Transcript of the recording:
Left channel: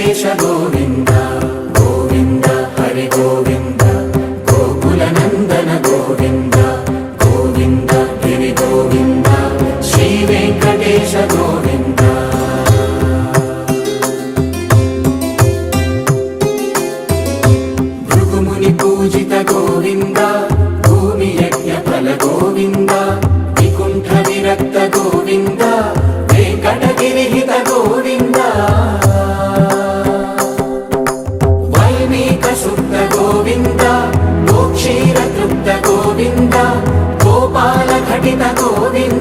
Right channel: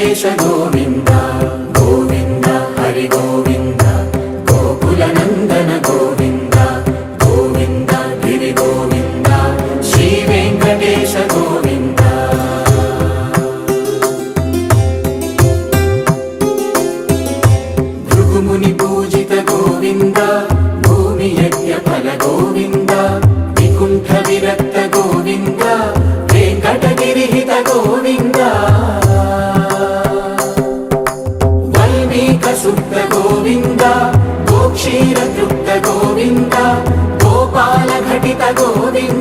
వెంకటేశ గోవింద గోవింద హరి గోవింద గోకుల నందన గోవింద గోవింద గిరి గోవింద శ్రీ వెంకటేశ గోవింద భృగుముని పూజిత గోవింద భూమి యజ్ఞ ఫల గోవింద వికుంఠ విరక్త గోవింద వెంకటగిరిహిత గోవింద వల్మీక శుద్ధ గోవింద గోక్షీర తృప్త గోవింద గోపాల ఘటిత గోవింద